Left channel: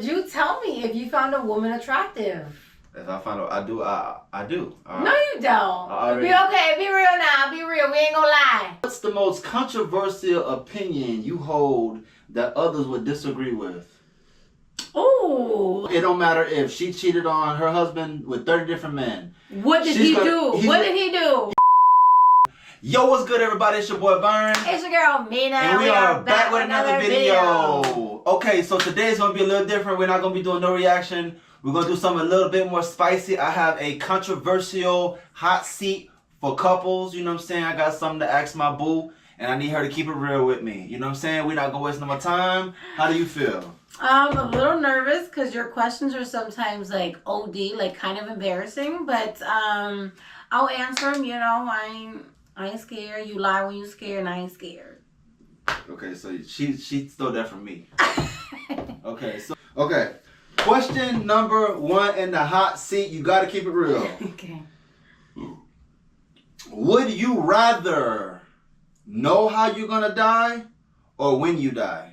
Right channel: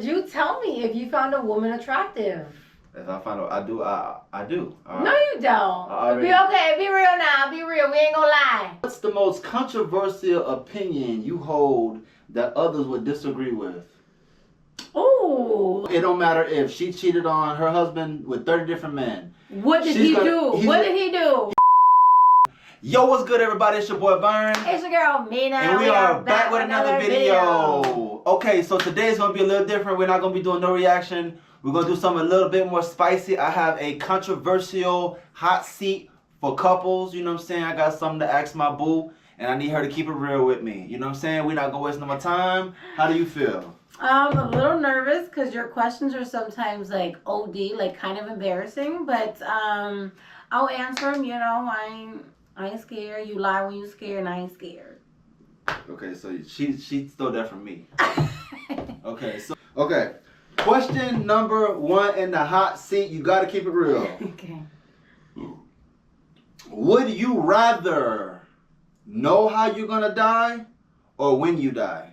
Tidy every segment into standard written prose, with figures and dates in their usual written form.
would you tell me if you found a woman attractive? If I find out, I do. No, you don't. Be okay. Be real now. Be real. We ain't gonna lie. What's the most controversial opinion you hold that others would disagree with? Ooh. It don't matter if she cheated on her husband with 30 different men. What did he do? What did he do? Yo, what's good, everybody? It's your boy Burn. It's your girl Mina. And we are back with another video. Okay, so today's gonna be a little different. We're not gonna be doing no reaction. We're gonna do something a little bit more spicy. I have a controversial hot seat for couples. You know what I'm saying? I got something to ask my boo, and I need her to keep it real with me. You know what I'm saying? We're not gonna waste no more time. How do you feel? I'm a little nervous because your questions are sometimes like OD, like kind of embarrassing. But I'll answer them. You know, I ain't scared. You lie when you scared, and I ain't scared. Okay, so she stole that from me. Okay. Question number 1 in the hot seat. You gotta keep it real. Okay. Would you rather know how you're gonna die or when you die?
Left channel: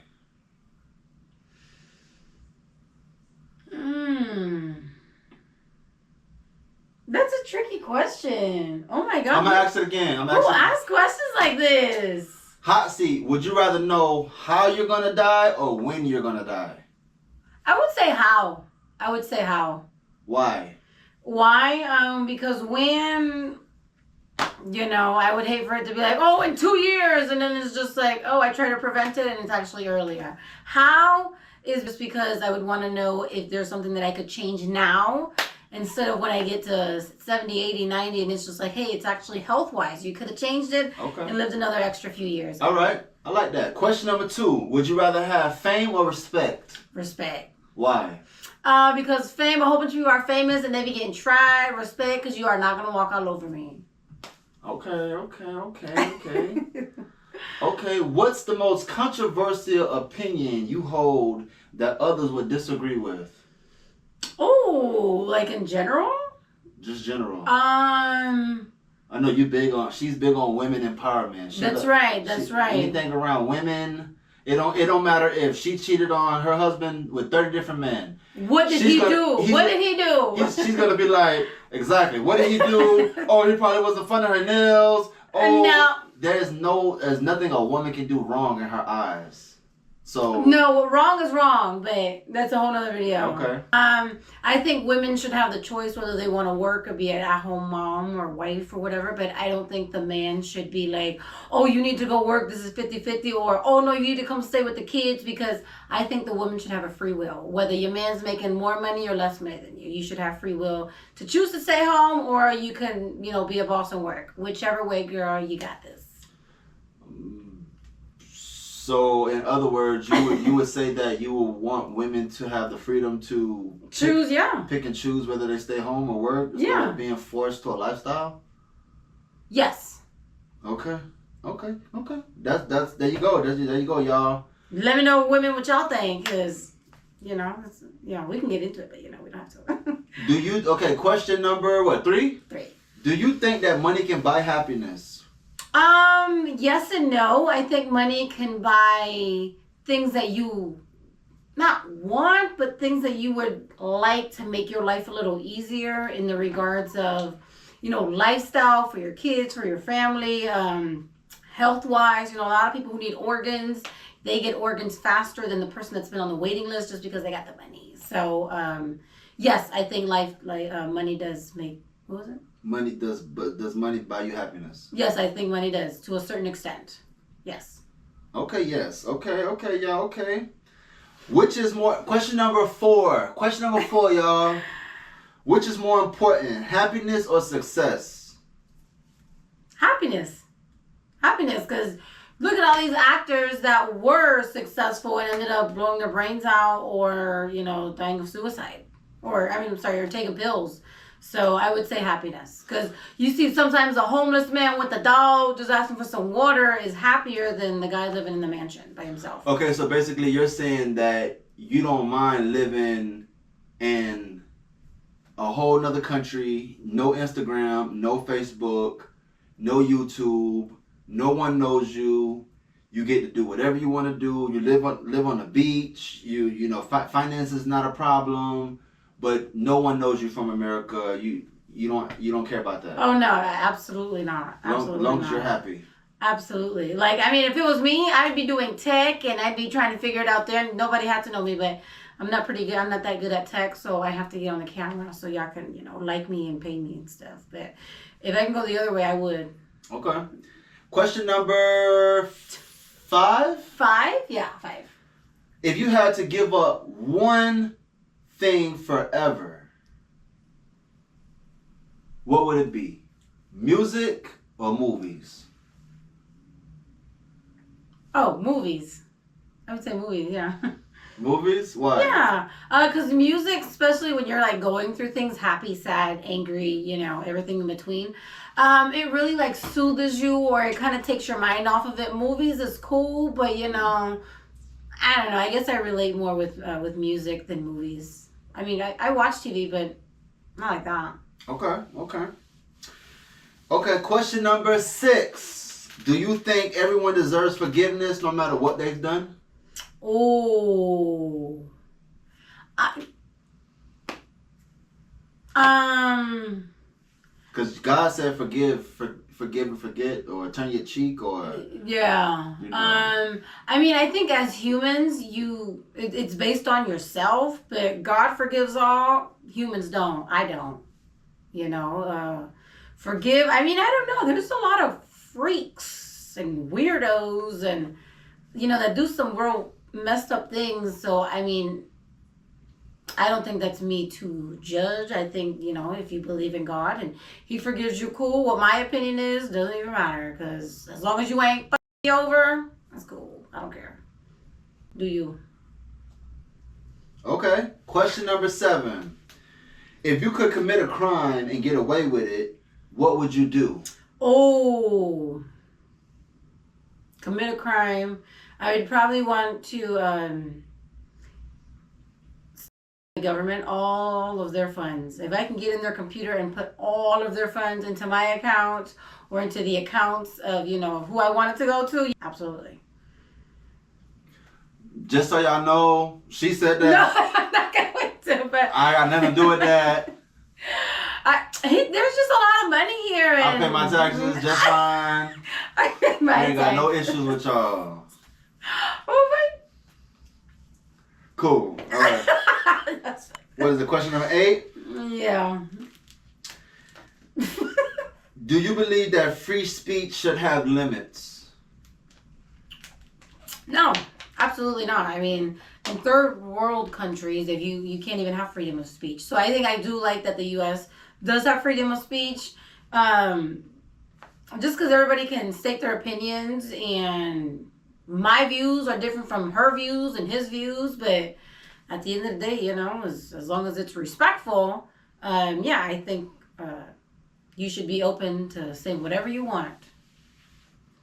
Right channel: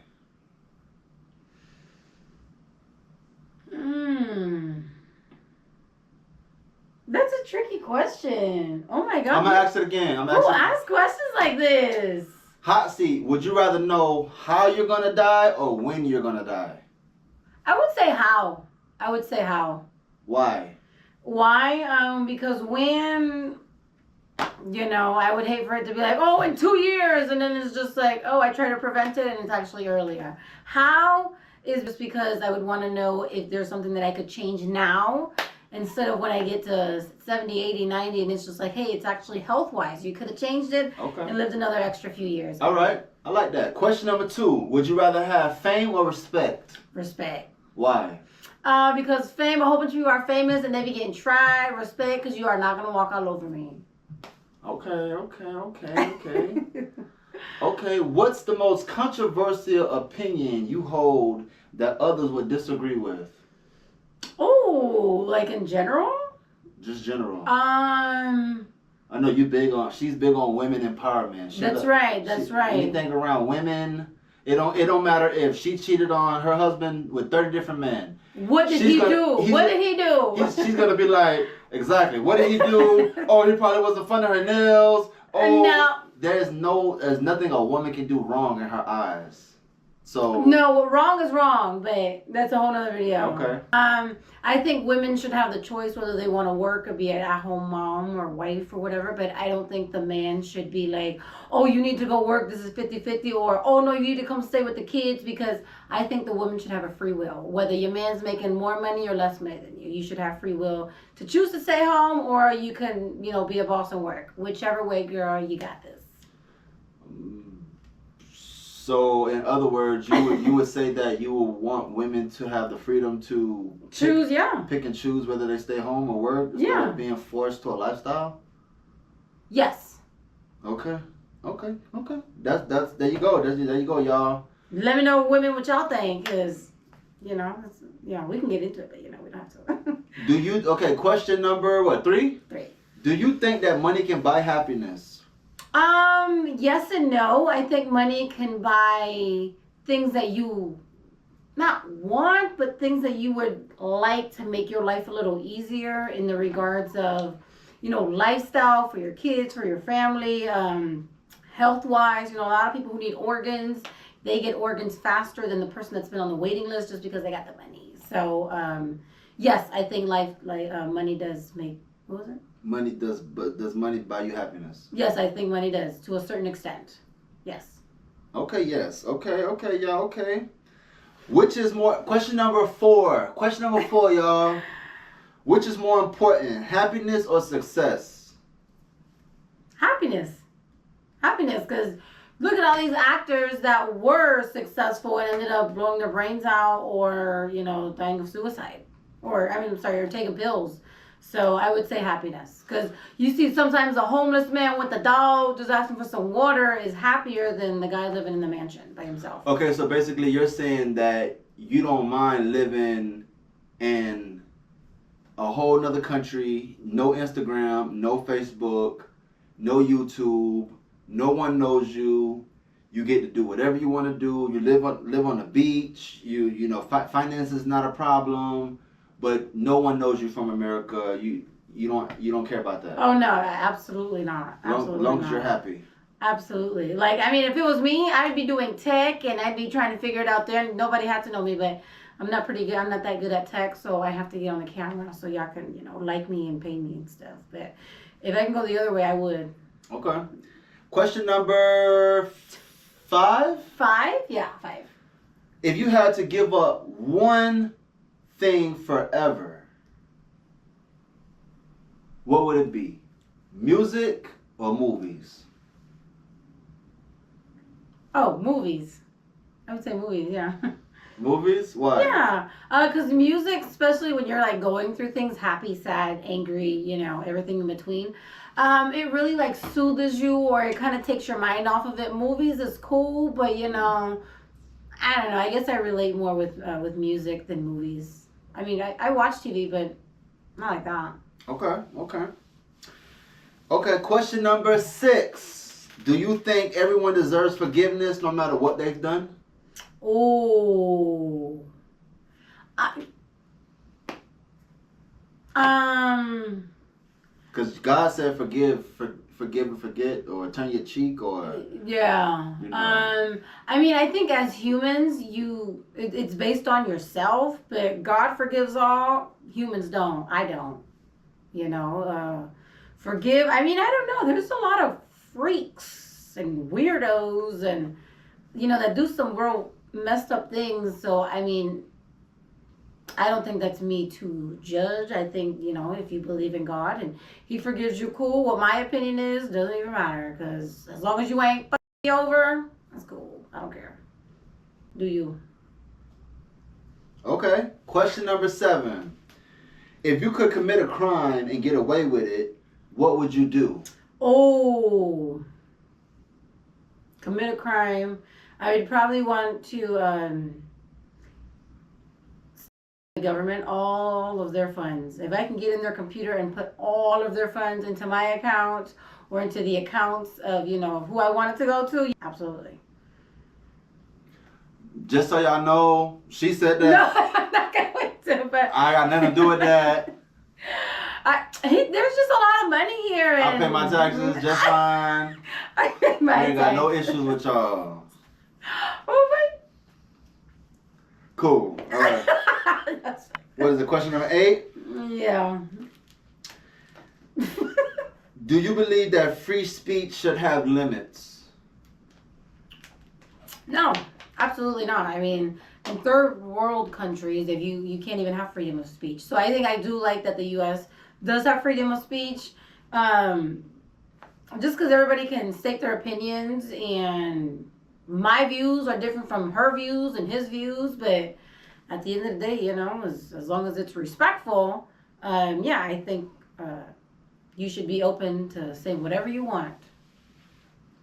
That's a tricky question. Oh my God. I'm gonna ask it again. Who asks questions like this? Hot seat. Would you rather know how you're gonna die or when you're gonna die? I would say how. Why? Why? Because when, you know, I would hate for it to be like, oh, in 2 years, and then it's just like, oh, I try to prevent it, and it's actually earlier. How is just because I would want to know if there's something that I could change now instead of when I get to 70, 80, 90, and it's just like, hey, it's actually health-wise. You could have changed it and lived another extra few years. All right. I like that. Question number 2. Would you rather have fame or respect? Respect. Why? Because fame, a whole bunch of you are famous and they be getting tried. Respect, because you are not going to walk all over me. Okay. Okay, what's the most controversial opinion you hold that others would disagree with? Oh, like in general? Just general. I know she's big on women empowerment. That's right. Anything around women. It don't matter if she cheated on her husband with 30 different men. What did he do? She's gonna be like, exactly. What did he do? Oh, he probably wasn't fun of her nails. Oh, no. There's nothing a woman can do wrong in her eyes. So no, wrong is wrong, but that's a whole nother video. Okay. I think women should have the choice whether they want to work or be an at-home mom or wife or whatever, but I don't think the man should be like, oh, you need to go work, this is 50-50, or oh no, you need to come stay with the kids, because I think the woman should have a free will. Whether your man's making more money or less money than you should have free will to choose to stay home, or you can, you know, be a boss and work. Whichever way, girl, you got this. So, in other words, you would say that you would want women to have the freedom to choose, pick and choose whether they stay home or work, instead of being forced to a lifestyle. Yes. Okay. That's there you go. There you go, y'all. Let me know, women, what y'all think, because you know, we can get into it, but you know, we don't have to. Okay? Question number 3. 3. Do you think that money can buy happiness? Yes and no. I think money can buy things that you not want, but things that you would like to make your life a little easier in the regards of, you know, lifestyle for your kids, for your family, health-wise. You know, a lot of people who need organs, they get organs faster than the person that's been on the waiting list just because they got the money. So, yes, I think money does make, what was it? Money does money buy you happiness? Yes, I think money does, to a certain extent. Yes. Okay, yes. Okay, y'all, okay. Which is more, question number 4, y'all. Which is more important, happiness or success? Happiness, because look at all these actors that were successful and ended up blowing their brains out or, you know, dying of suicide. Or taking pills. So I would say happiness, because you see sometimes a homeless man with a dog just asking for some water is happier than the guy living in the mansion by himself. Okay, so basically you're saying that you don't mind living in a whole nother country, no Instagram, no Facebook, no YouTube, no one knows you. You get to do whatever you want to do. You live on the beach. You know, finance is not a problem, but no one knows you from America. You don't care about that. Oh no, absolutely not. Absolutely long not. as you're happy. Absolutely. Like, I mean, if it was me, I'd be doing tech and I'd be trying to figure it out there. Nobody had to know me, but I'm not pretty good. I'm not that good at tech, so I have to get on the camera so y'all can, you know, like me and pay me and stuff. But if I can go the other way, I would. Okay. Question number 5? 5? Yeah, 5. If you had to give up one thing forever, what would it be? Music or movies? Oh, movies. I would say movies, yeah. Movies? Why? Yeah, because music, especially when you're like going through things, happy, sad, angry, you know, everything in between, it really like soothes you, or it kind of takes your mind off of it. Movies is cool, but you know, I don't know. I guess I relate more with music than movies. I mean, I watch TV, but not like that. Okay, question number 6. Do you think everyone deserves forgiveness no matter what they've done? Oh. Because God said forgive and forget, or turn your cheek, or yeah. You know. I mean, I think as humans, it's based on yourself, but God forgives all. Humans don't. I don't. You know, forgive. I mean, I don't know. There's a lot of freaks and weirdos, and you know, that do some real messed up things. So I mean, I don't think that's me to judge. I think, you know, if you believe in God and He forgives you, cool. What my opinion is doesn't even matter, because as long as you ain't fucking me over, that's cool. I don't care. Do you? Okay. Question number 7. If you could commit a crime and get away with it, what would you do? Oh, commit a crime. I would probably want to the government all of their funds. If I can get in their computer and put all of their funds into my account or into the accounts of, you know, who I want it to go to, absolutely. Just so y'all know, she said that. No, I'm not going to, but I got nothing to do with that. There's just a lot of money here. And I pay my taxes just fine. I pay my I ain't got no taxes. issues with y'all. Oh my. Cool. All right. What is it? Question number 8? Yeah. Do you believe that free speech should have limits? No, absolutely not. I mean, in third world countries, if you can't even have freedom of speech. So I think I do like that the U.S. does have freedom of speech. Just because everybody can state their opinions, and my views are different from her views and his views, but at the end of the day, you know, as long as it's respectful, yeah, I think you should be open to saying whatever you want.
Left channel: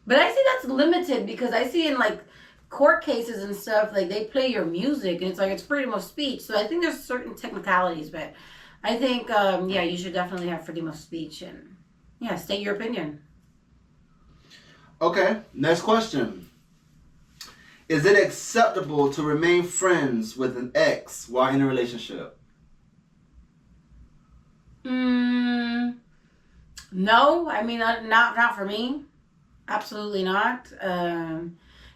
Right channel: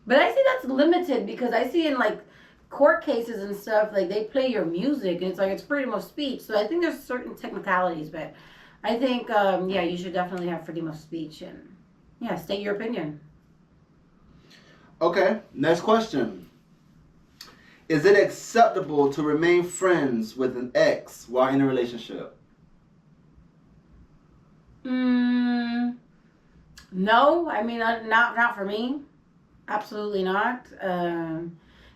But I see that's limited, because I see in like court cases and stuff, like they play your music and it's like it's freedom of speech. So I think there's certain technicalities, but I think yeah, you should definitely have freedom of speech and yeah, state your opinion. Okay, next question. Is it acceptable to remain friends with an ex while in a relationship? No, I mean, not for me. Absolutely not.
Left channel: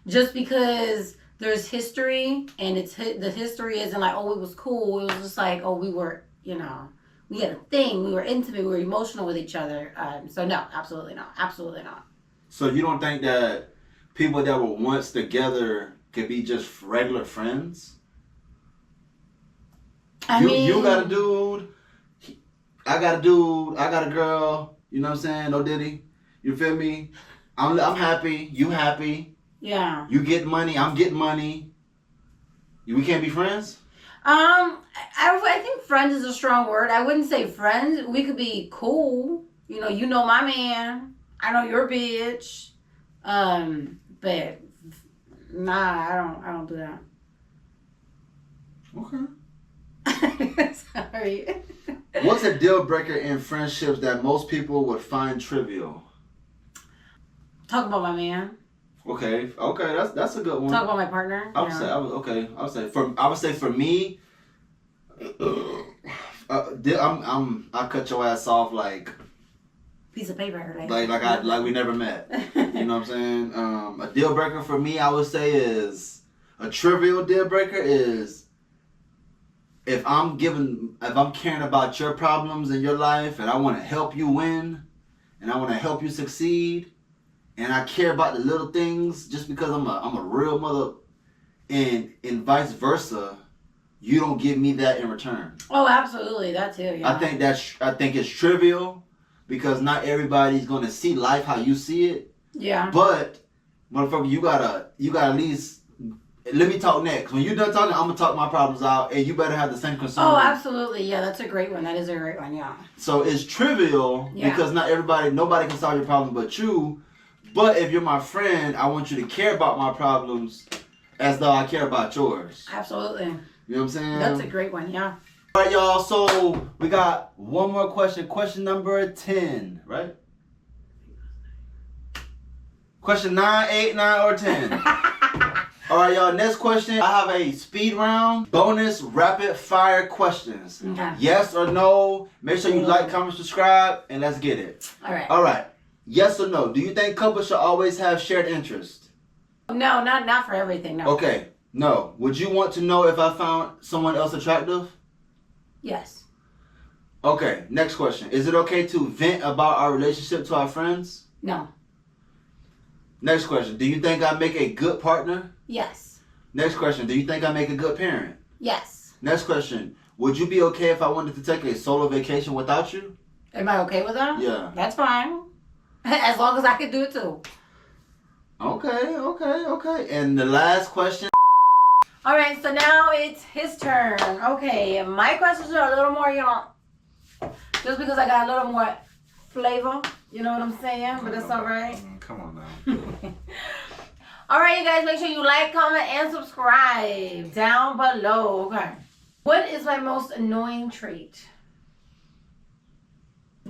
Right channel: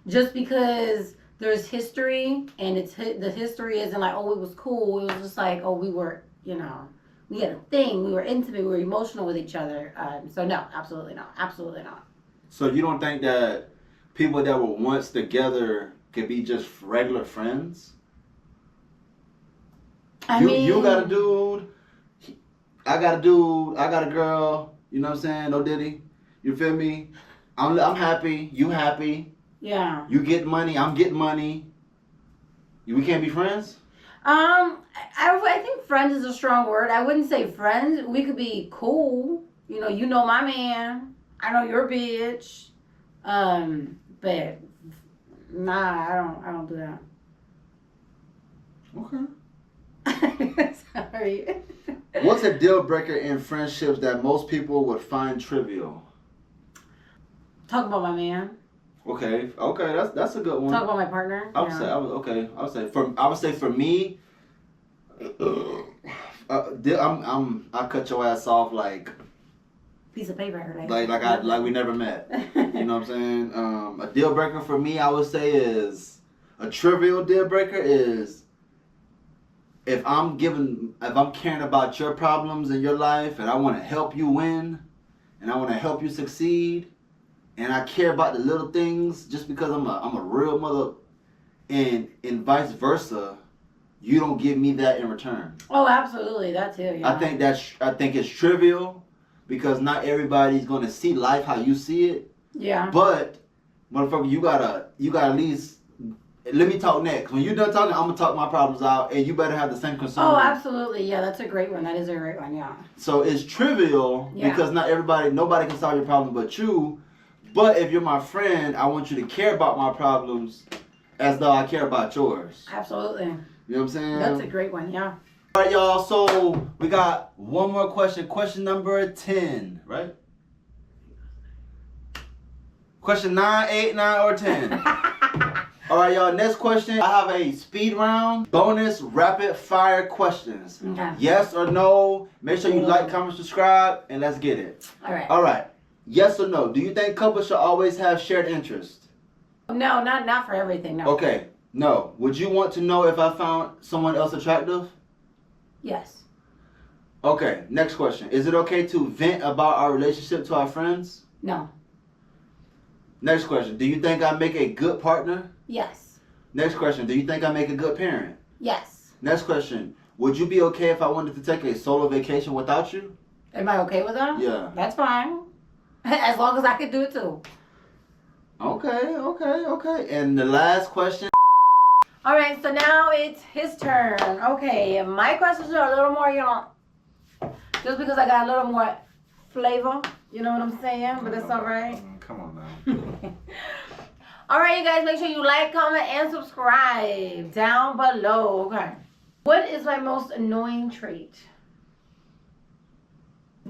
Just because there's history, and the history isn't like, oh, it was cool. It was just like, oh, we were, you know, we had a thing. We were intimate. We were emotional with each other. So no, absolutely not. Absolutely not. So you don't think that people that were once together could be just regular friends? You got a dude, I got a dude, I got a girl, you know what I'm saying? No Diddy. You feel me? I'm happy, you happy. Yeah. You get money, I'm getting money. We can't be friends? I think friends is a strong word. I wouldn't say friends. We could be cool. You know my man. I know your bitch. But nah, I don't do that. Okay. Sorry. What's a deal breaker in friendships that most people would find trivial? Talk about my man. Okay, that's a good one. Talk about my partner. I would say for me, I cut your ass off like piece of paper, like we never met. You know what I'm saying? A deal breaker for me, I would say, is a trivial deal breaker is if I'm caring about your problems in your life and I want to help you win and I want to help you succeed and I care about the little things just because I'm a real mother, and vice versa, you don't give me that in return. Oh, absolutely, that too. Yeah. I think it's trivial because not everybody's gonna see life how you see it. Yeah. But motherfucker, you gotta at least let me talk next. When you're done talking, I'm gonna talk my problems out, and you better have the same concern. Oh, absolutely. Yeah, that's a great one. That is a great one. Yeah. So it's trivial because nobody can solve your problem but you. But if you're my friend, I want you to care about my problems as though I care about yours. Absolutely. You know what I'm saying? That's a great one. Yeah. All right, y'all. So we got one more question. Question number 10, right? Question 9, 8, 9, or 10. All right, y'all. Next question. I have a speed round, bonus rapid fire questions. Okay. Yes or no. Make sure you like, comment, subscribe, and let's get it. All right. All right. Yes or no. Do you think couples should always have shared interest? No, not for everything. No. Okay. No. Would you want to know if I found someone else attractive? Yes. Okay. Next question. Is it okay to vent about our relationship to our friends? No. Next question. Do you think I make a good partner? Yes. Next question. Do you think I make a good parent? Yes. Next question. Would you be okay if I wanted to take a solo vacation without you? Am I okay with that? Yeah. That's fine. As long as I can do it too. Okay. And the last question. All right, so now it's his turn. Okay, my questions are a little more, just because I got a little more flavor. You know what I'm saying? But it's all right. Come on now. All right, you guys, make sure you like, comment, and subscribe down below. Okay. What is my most annoying trait?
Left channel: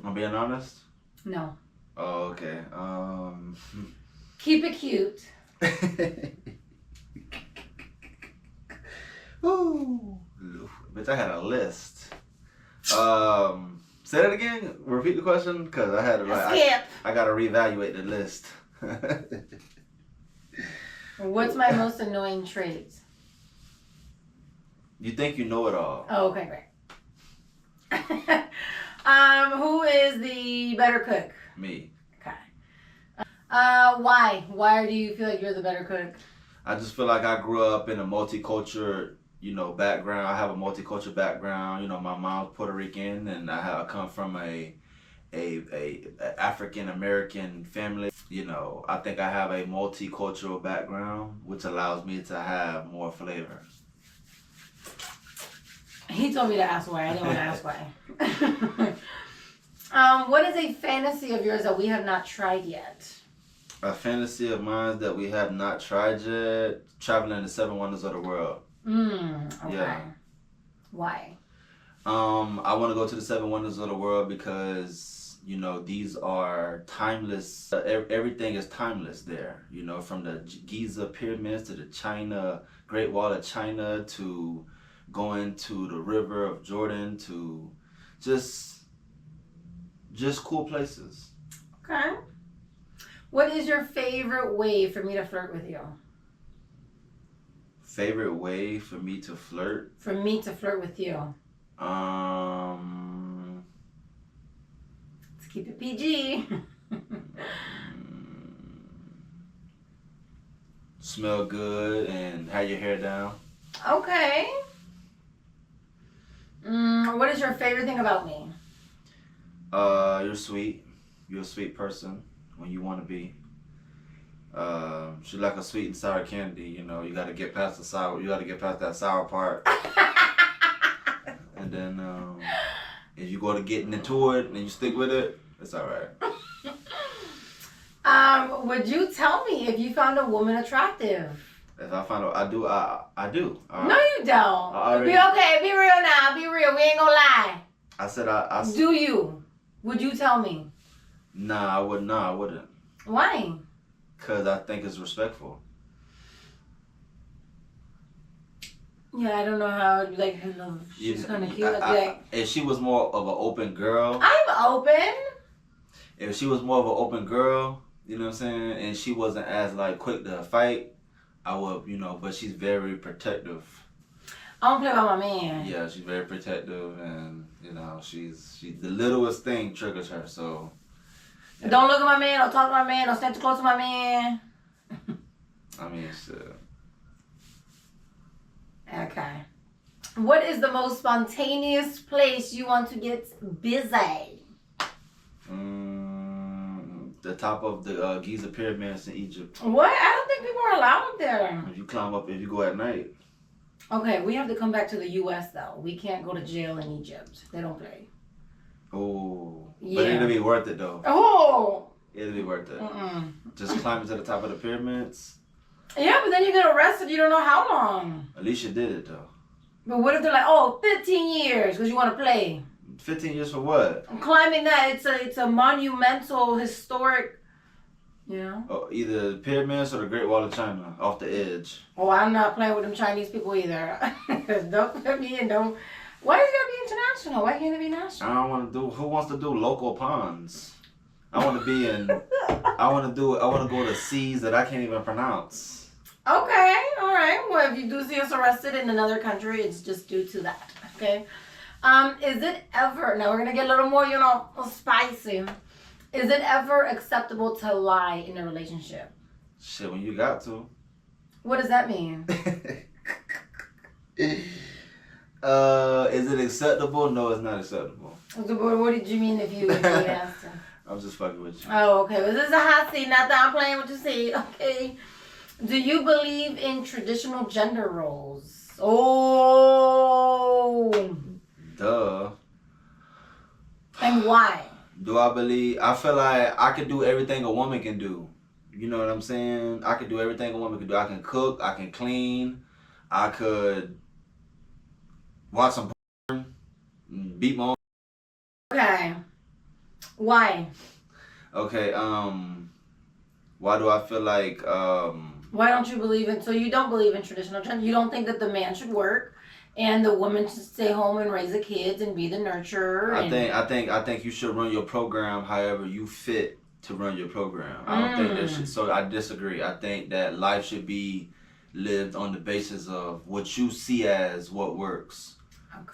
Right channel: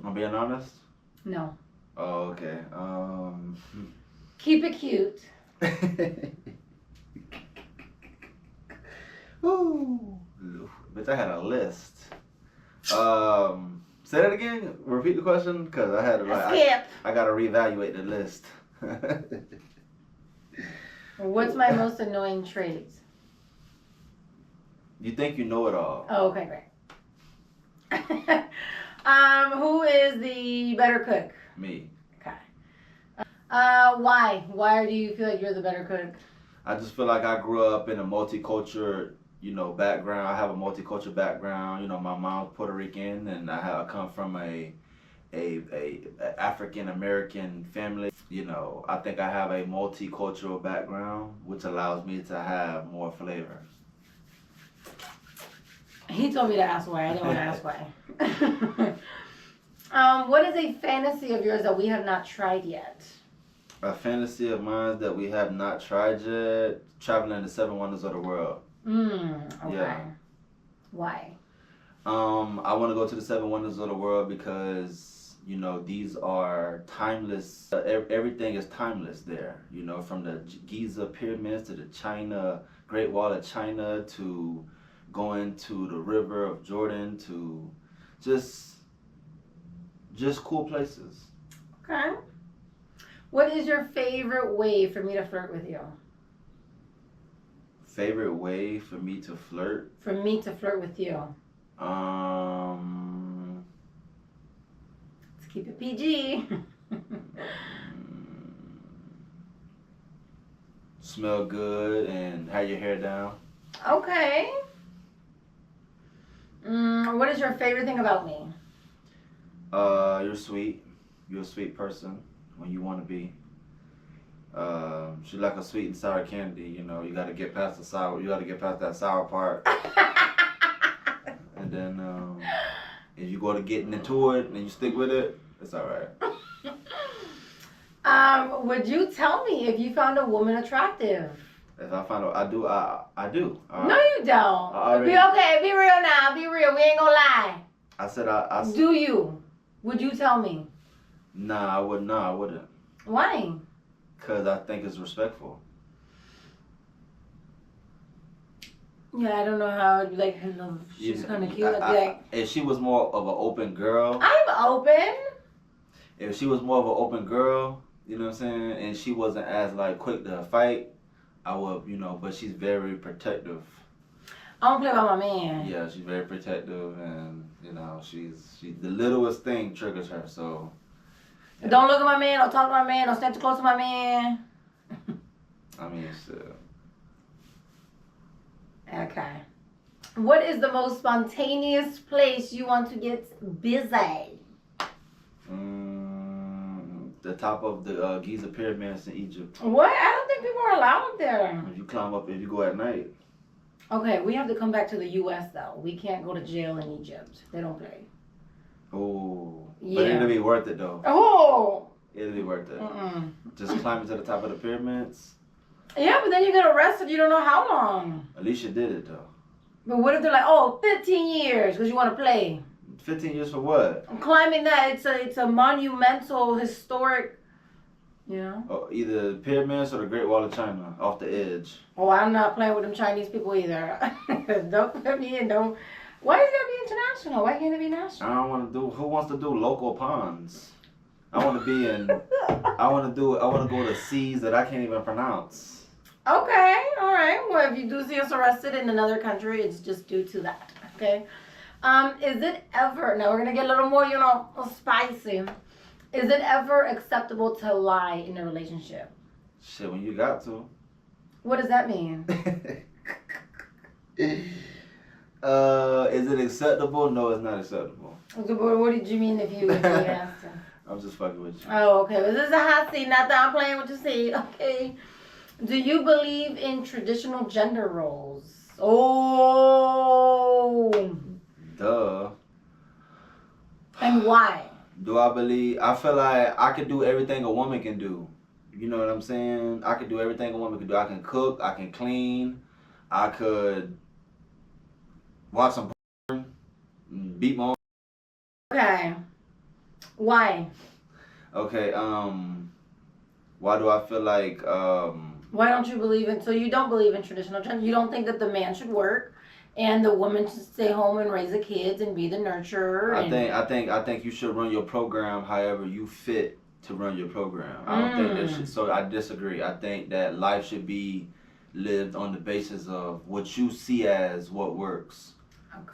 I'm being honest? No. Oh, okay. Keep it cute. Ooh. Bitch, I had a list. Say that again. Repeat the question, because I had to Skip. I gotta reevaluate the list. What's my most annoying trait? You think you know it all. Oh, okay, great. Who is the better cook? Me. Okay. Why? Why do you feel like you're the better cook? I just feel like I grew up in a multicultural, background. I have a multicultural background. My mom's Puerto Rican, and I come from a African American family. I think I have a multicultural background, which allows me to have more flavor. He told me to ask why. I didn't want to ask why. What is a fantasy of yours that we have not tried yet? A fantasy of mine that we have not tried yet: traveling the 7 wonders of the world. Okay. Yeah. Why? I want to go to the 7 wonders of the world because these are timeless. Everything is timeless there. From the Giza pyramids to the Great Wall of China, to going to the River of Jordan, to just cool places. Okay. What is your favorite way for me to flirt with you? Favorite way for me to flirt? For me to flirt with you. Let's keep it PG. Smell good and have your hair down. Okay. What is your favorite thing about me? You're sweet. You're a sweet person when you want to be. She's like a sweet and sour candy. You got to get past the sour. You got to get past that sour part. And then if you go to getting into it and you stick with it, it's all right. Would you tell me if you found a woman attractive? If I find out, I do. I do. No, you don't. Be okay. Be real now. Be real. We ain't gonna lie. I said Do you? Would you tell me? Nah, I wouldn't. Nah, I wouldn't. Why? Because I think it's respectful. Yeah, I don't know how. Like, she's kind of cute. Like, if she was more of an open girl. I'm open. If she was more of an open girl, you know what I'm saying, and she wasn't as like quick to fight, I would, you know. But she's very protective. I don't play by my man. Yeah, she's very protective, and you know, she's the littlest thing triggers her. So. Yeah. Don't look at my man. Don't talk to my man. Don't stand too close to my man. I mean, shit. Okay. What is the most spontaneous place you want to get busy? The top of the Giza pyramids in Egypt. What? I don't think people are allowed there. If you climb up, if you go at night. Okay, we have to come back to the U.S. though. We can't go to jail in Egypt. They don't play. Oh. Yeah. But it'll be worth it though. Oh. It'll be worth it. Mm-mm. Just climbing to the top of the pyramids. Yeah, but then you get arrested. You don't know how long. At least you did it though. But what if they're like, oh, 15 years because you want to play? 15 years for what? Climbing that, it's a monumental, historic, you know? Oh, either the pyramids or the Great Wall of China off the edge. Oh, I'm not playing with them Chinese people either. Don't put me in, don't. Why is it gotta be international? Why can't it be national? I don't want to do, who wants to do local ponds? I want to be in, I want to go to seas that I can't even pronounce. Okay, all right. Well, if you do see us arrested in another country, it's just due to that, okay? Is it ever, now we're going to get a little more, you know, spicy. Is it ever acceptable to lie in a relationship? Shit, when you got to. What does that mean? Is it acceptable? No, it's not acceptable. What did you mean if you asked him? I'm just fucking with you. Oh, okay. Well, this is a hot seat. Not that I'm playing with your seat, okay? Do you believe in traditional gender roles? Oh. Duh. And why? Do I believe? I feel like I could do everything a woman can do. You know what I'm saying? I could do everything a woman can do. I can cook. I can clean. I could watch some porn. Beat my own. Okay. Why? Okay. Why do I feel like? Why don't you believe in? So you don't believe in traditional gender? You don't think that the man should work, and the woman should stay home and raise the kids and be the nurturer? I think you should run your program however you fit to run your program. I don't think that should. So I disagree. I think that life should be lived on the basis of what you see as what works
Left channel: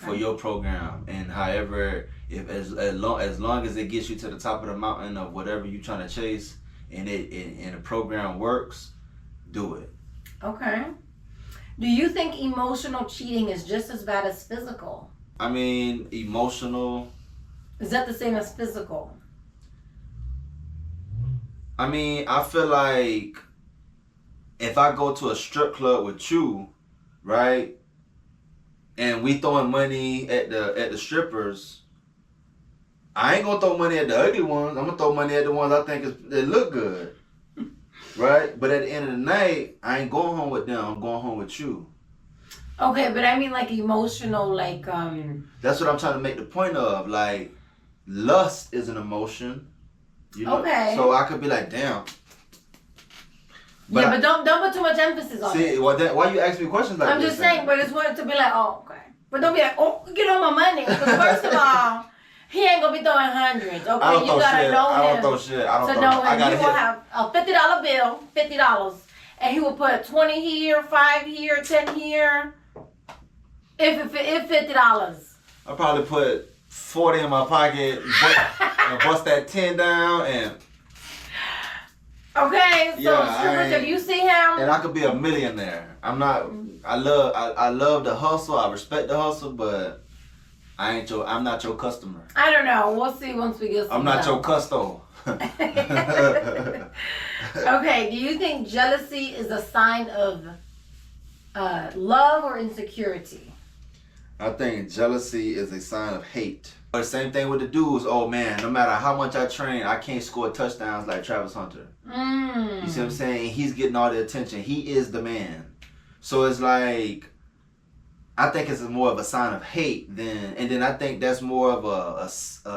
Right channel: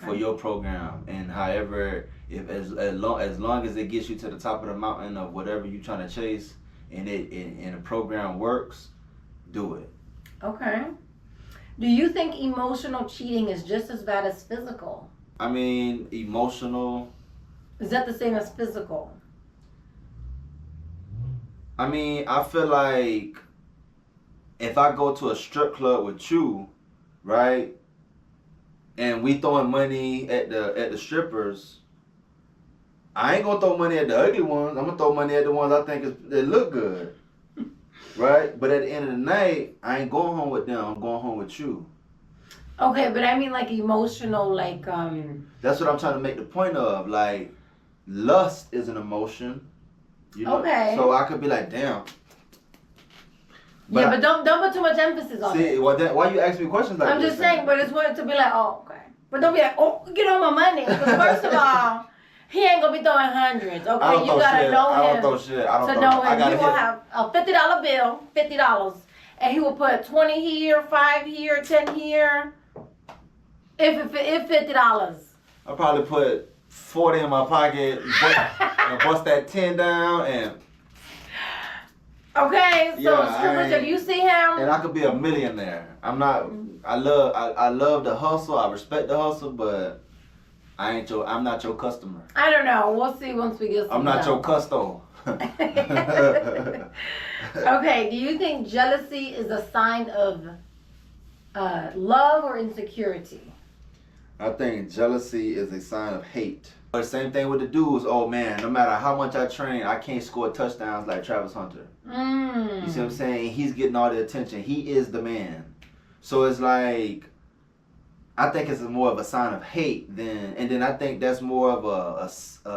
for your program, and however, if as long as it gets you to the top of the mountain of whatever you're trying to chase, and the program works, do it. Okay. Do you think emotional cheating is just as bad as physical? I mean, emotional. Is that the same as physical? I mean, I feel like if I go to a strip club with you, right, and we throwing money at the strippers, I ain't gonna throw money at the ugly ones. I'm gonna throw money at the ones I think they look good. Right? But at the end of the night, I ain't going home with them. I'm going home with you. Okay, but I mean like emotional, like That's what I'm trying to make the point of. Like, lust is an emotion. You know? Okay. So I could be like, damn. But don't put too much emphasis on it. See, why you ask me questions like I'm this? just saying, but it's wanted to be like, oh, okay. But don't be like, oh, get all my money. Because first of all, he ain't gonna be throwing hundreds. Okay, you gotta know him. I don't throw shit. I don't to throw. know I him, gotta you will have a $50 bill, $50, and he will put 20 here, 5 here, 10 here. If $50. I probably put 40 in my pocket, and bust that 10 down, and. Okay, so strippers, if you see him, and I could be a millionaire. I'm not. I love the hustle. I respect the hustle, but. I'm not your customer. I don't know. We'll see once we get some. I'm not your custo. Okay, do you think jealousy is a sign of love or insecurity? I think jealousy is a sign of hate. But the same thing with the dudes. Oh man, no matter how much I train, I can't score touchdowns like Travis Hunter. You see what I'm saying? He's getting all the attention. He is the man. So it's like, I think it's more of a sign of hate and then I think that's more of a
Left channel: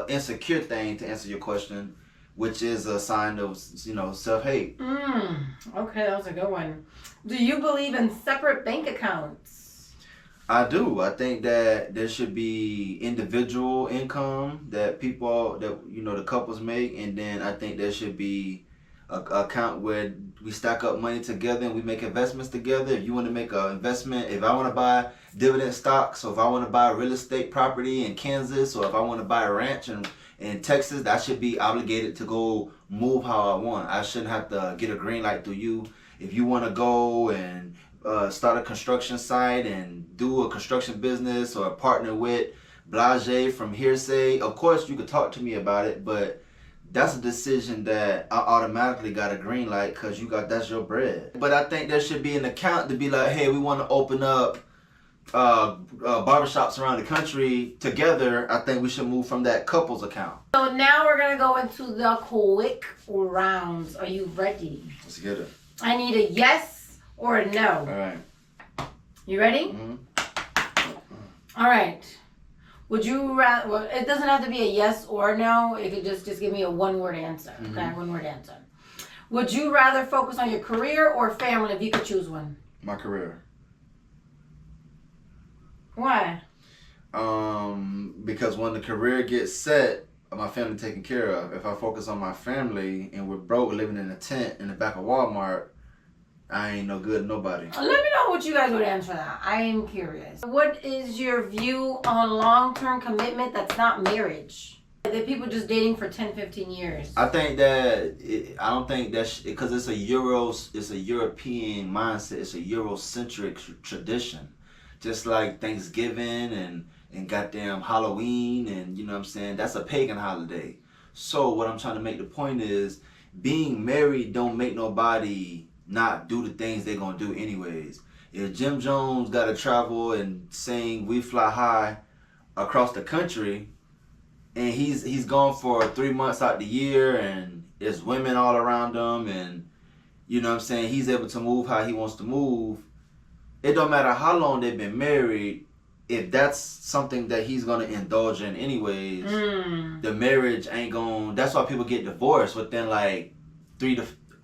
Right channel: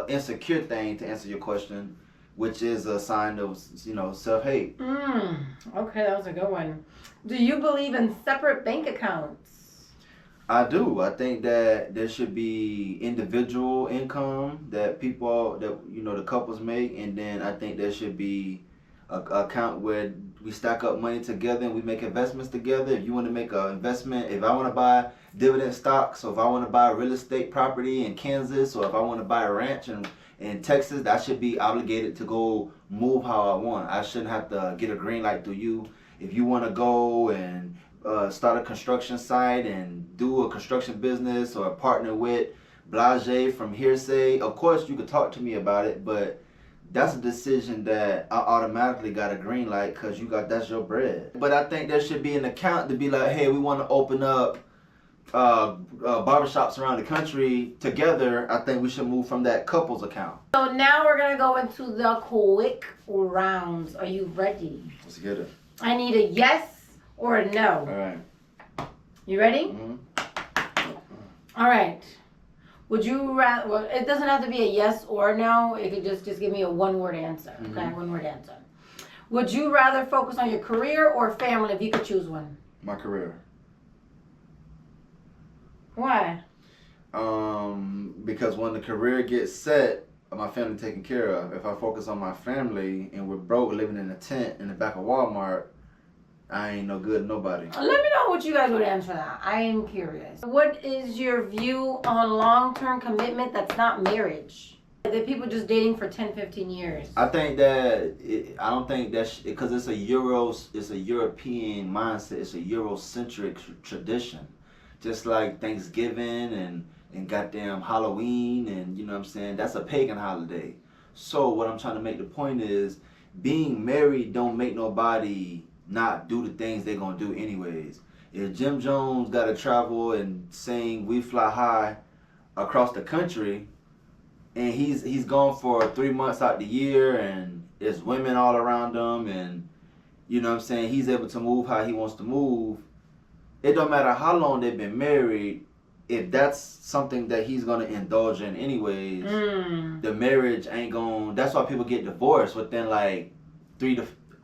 insecure thing, to answer your question, which is a sign of, self-hate. Okay, that was a good one. Do you believe in separate bank accounts? I do. I think that there should be individual income that the couples make, and then I think there should be a account where we stack up money together and we make investments together. If you want to make an investment, if I want to buy dividend stocks, or if I want to buy real estate property in Kansas, or if I want to buy a ranch in Texas, I should be obligated to go move how I want. I shouldn't have to get a green light through you. If you want to go and start a construction site and do a construction business, or partner with Blase from Hearsay, of course you could talk to me about it, but that's a decision that I automatically got a green light because that's your bread. But I think there should be an account to be like, hey, we want to open up barbershops around the country together. I think we should move from that couples account. So now we're going to go into the quick rounds. Are you ready? Let's get it. I need a yes or a no. All right. You ready? Mm-hmm. All right. Would you rather, well, it doesn't have to be a yes or no. It could just give me a one-word answer. Mm-hmm. Okay, one-word answer. Would you rather focus on your career or family if you could choose one? My career. Why? Because when the career gets set, my family taken care of. If I focus on my family and we're broke living in a tent in the back of Walmart, I ain't no good to nobody. Let me know what you guys would answer that. I am curious. What is your view on long-term commitment that's not marriage? That people just dating for 10, 15 years. I think that I don't think that because it's a European mindset. It's a Eurocentric tradition, just like Thanksgiving and goddamn Halloween, and you know what I'm saying. That's a pagan holiday. So what I'm trying to make the point is, being married don't make nobody not do the things they're gonna do anyways. If Jim Jones gotta travel and sing "We Fly High" across the country, and he's gone for 3 months out the year, and there's women all around him, and you know what I'm saying, he's able to move how he wants to move, it don't matter how long they've been married. If that's something that he's gonna indulge in anyways, the marriage ain't gonna. That's why people get divorced within like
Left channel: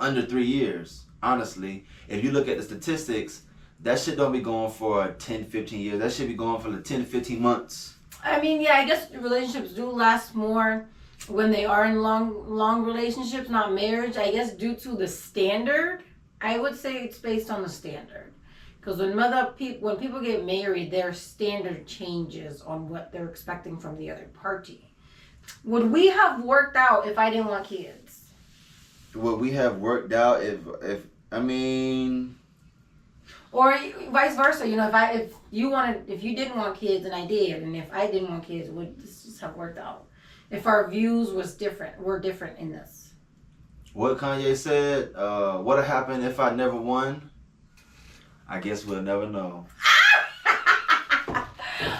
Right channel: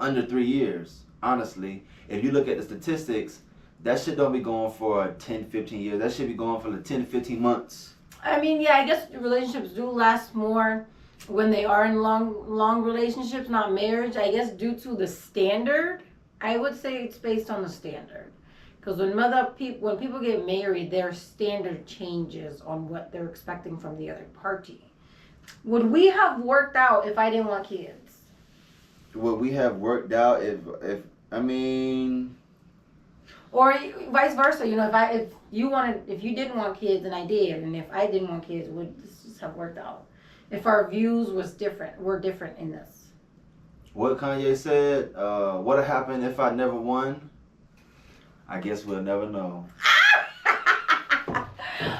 under 3 years. Honestly, if you look at the statistics, that shit don't be going for 10, 15 years. That should be going for like 10 to 15 months. I mean, yeah, I guess relationships do last more when they are in long relationships, not marriage. I guess due to the standard, I would say it's based on the standard. Because when people get married, their standard changes on what they're expecting from the other party. Would we have worked out if I didn't want kids? Would we have worked out if or vice versa? You know, if you didn't want kids and I did, and if I didn't want kids, would this just have worked out? If our views were different in this. What Kanye said, what'd happen if I never won? I guess we'll never know.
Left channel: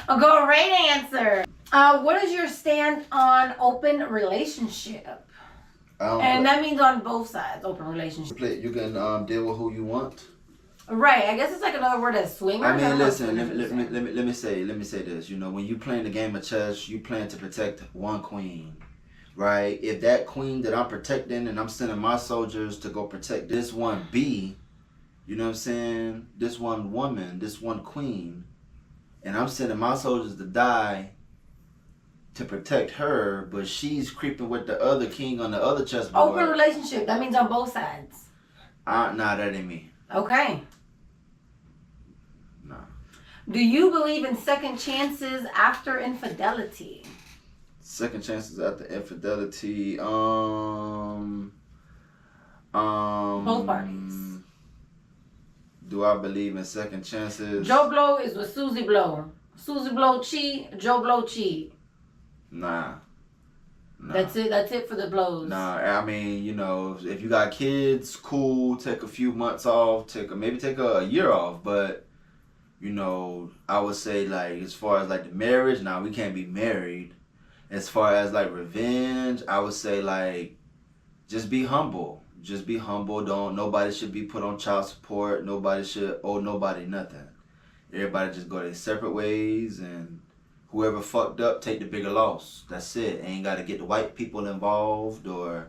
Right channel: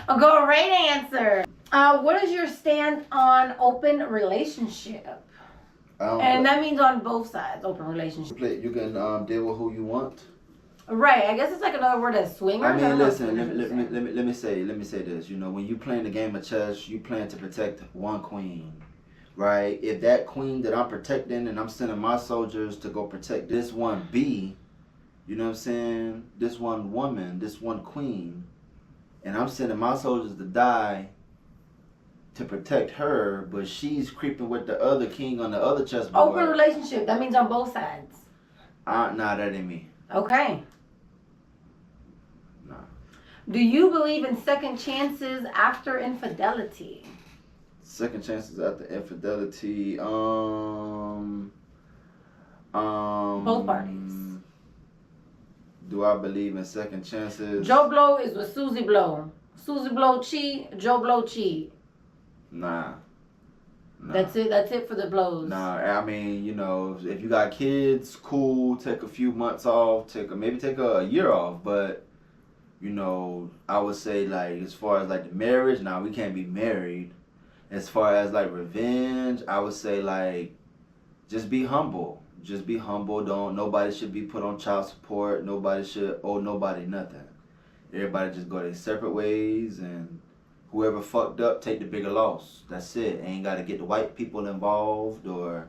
A great answer. What is your stand on open relationship? And that means on both sides, open relationship. You can deal with who you want. Right. I guess it's like another word as swinger. I mean, listen. Let me say this. You know, when you playing the game of chess, you plan to protect one queen, right? If that queen that I'm protecting, and I'm sending my soldiers to go protect this one bee, you know what I'm saying? This one woman, this one queen, and I'm sending my soldiers to die to protect her, but she's creeping with the other king on the other chessboard. Open relationship. That means on both sides. Nah, that ain't me. Okay. Nah. Do you believe in second chances after infidelity? Second chances after infidelity. Both parties. Do I believe in second chances? Joe Blow is with Susie Blow. Susie Blow cheat. Joe Blow cheat. Nah. That's it for the blows. Nah, I mean, you know, if you got kids, cool, take a few months off, maybe take a year off, but you know, I would say like as far as like the marriage, nah, we can't be married. As far as like revenge, I would say like just be humble. Just be humble. Nobody should be put on child support. Nobody should owe nobody nothing. Everybody just go their separate ways, and whoever fucked up, take the bigger loss. That's it. Ain't got to get the white people involved or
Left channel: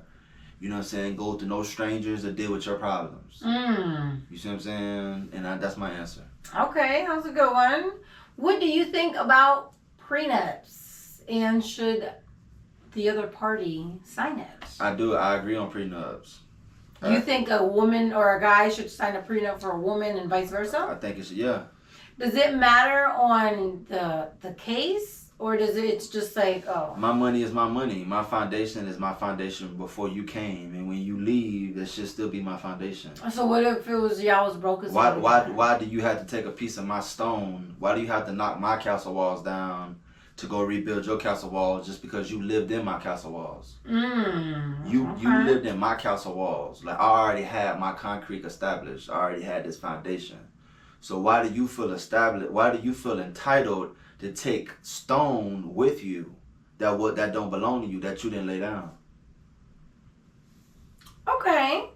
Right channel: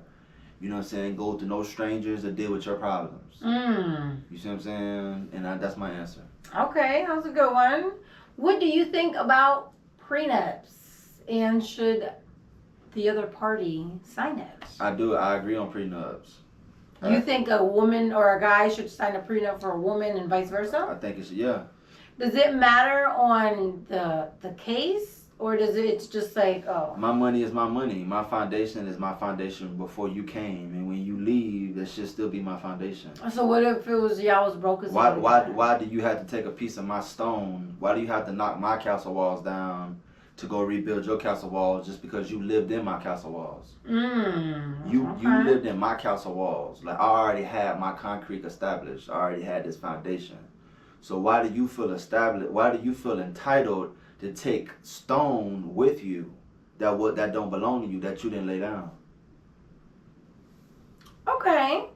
you know what I'm saying, go to no strangers to deal with your problems. You see what I'm saying? And that's my answer. Okay, that's a good one. What do you think about prenups? And should the other party sign it? I do. I agree on prenups. You think a woman or a guy should sign a prenup for a woman and vice versa? I think it's, yeah. Does it matter on the case, or does it's just like, oh? My money is my money. My foundation is my foundation before you came, and when you leave, that should still be my foundation. So what if it was y'all was broke as well? Why do you have to take a piece of my stone? Why do you have to knock my castle walls down to go rebuild your castle walls just because you lived in my castle walls? You lived in my castle walls. Like, I already had my concrete established. I already had this foundation. So why do you feel established? Why do you feel entitled to take stone with you that don't belong to you, that you didn't lay down? Okay.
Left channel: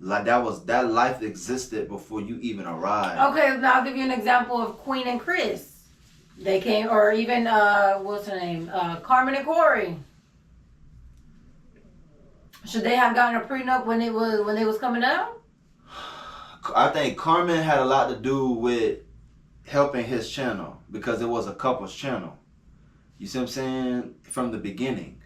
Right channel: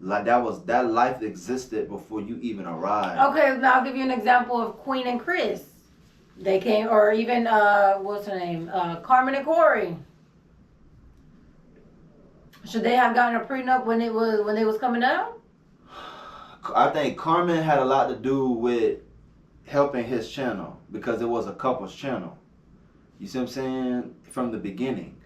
Like, that life existed before you even arrived. Okay, now I'll give you an example of Queen and Chris. They came, or even what's her name, Carmen and Corey. Should they have gotten a prenup when they was coming out? I think Carmen had a lot to do with helping his channel because it was a couple's channel. You see what I'm saying? From the beginning.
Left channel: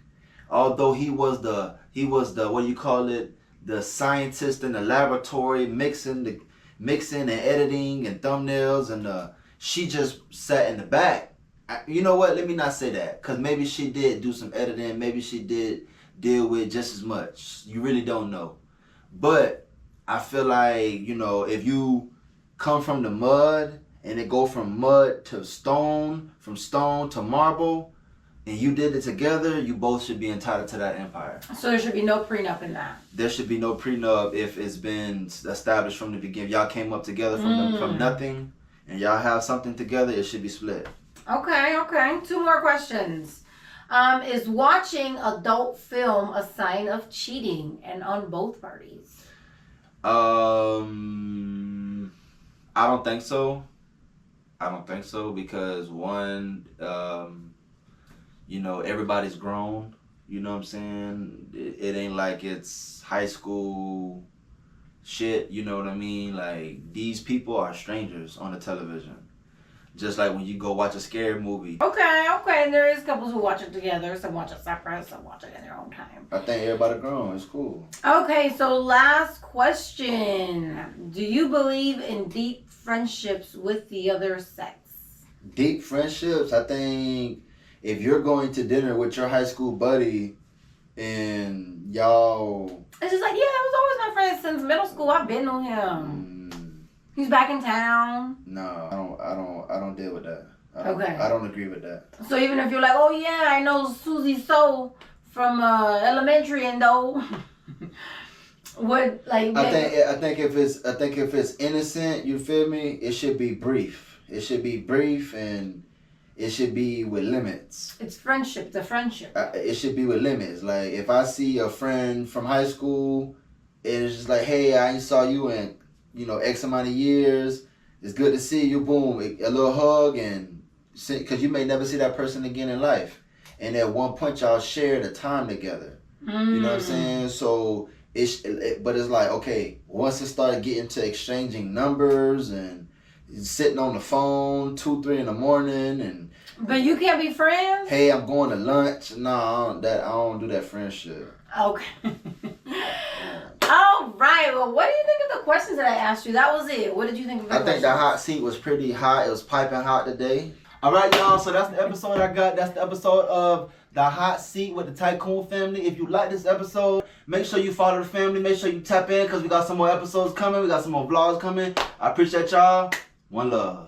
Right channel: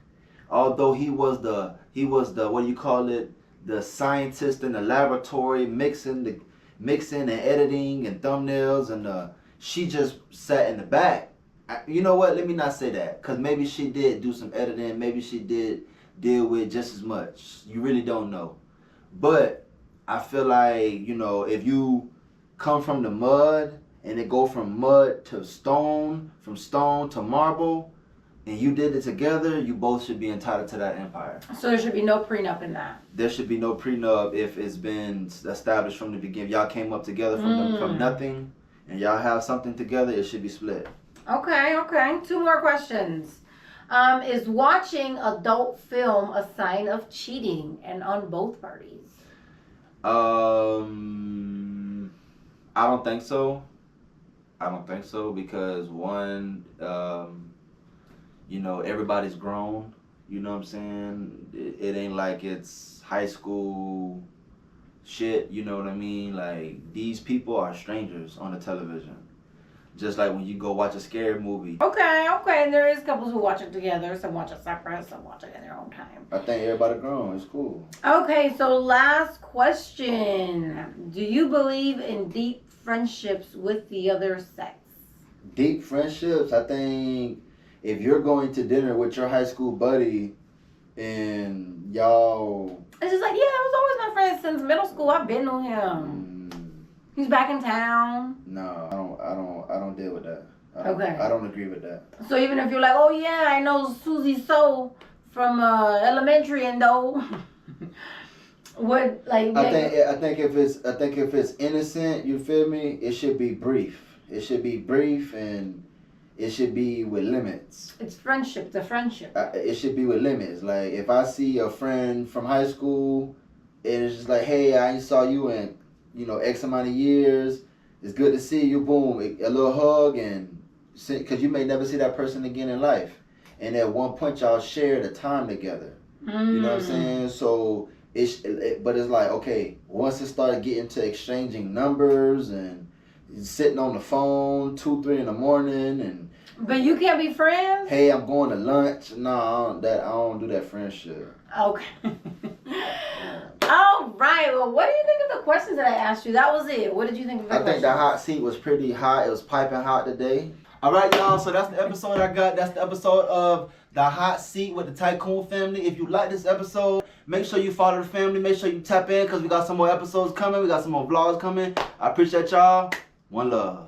Although he was the what do you call it? The scientist in the laboratory mixing and editing and thumbnails, and she just sat in the back. You know what? Let me not say that, because maybe she did do some editing. Maybe she did deal with just as much. You really don't know. But I feel like, you know, if you come from the mud and it go from mud to stone, from stone to marble, and you did it together, you both should be entitled to that empire. So there should be no prenup in that. There should be no prenup if it's been established from the beginning. Y'all came up together from nothing, and y'all have something together, it should be split. Okay. 2 more questions. Is watching adult film a sign of cheating, and on both parties? I don't think so. Because one, you know, everybody's grown. You know what I'm saying? It ain't like it's high school shit. You know what I mean? Like, these people are strangers on the television. Just like when you go watch a scary movie. Okay. And there is couples who watch it together. Some watch it separate. Some watch it in their own time. I think everybody grown. It's cool. Okay. So last question: do you believe in deep friendships with the other sex? Deep friendships. I think if you're going to dinner with your high school buddy and y'all, it's just like, yeah, it was always my friend since middle school. I've been on him. He's back in town. No, I don't deal with that. I don't agree with that. So even if you're like, oh yeah, I know Susie So from elementary, and though, would like? I think if it's innocent, you feel me? It should be brief. It should be brief, and it should be with limits. It's friendship. The friendship. It should be with limits. Like, if I see a friend from high school, and it's just like, hey, I ain't saw you in, you know, X amount of years. It's good to see you. Boom, a little hug, and because you may never see that person again in life. And at one point, y'all shared a time together. You know what I'm saying? So but it's like, okay, once it started getting to exchanging numbers and sitting on the phone 2-3 in the morning, and but you can't be friends. Hey, I'm going to lunch. No, I don't do that friendship. Okay. All right. Well, what do you think of the questions that I asked you? That was it. What did you think of the questions? I think the hot seat was pretty hot. It was piping hot today. All right, y'all. So that's the episode I got. That's the episode of The Hot Seat with the Tycoon family. If you like this episode, make sure you follow the family. Make sure you tap in, because we got some more episodes coming. We got some more vlogs coming. I appreciate y'all. One love.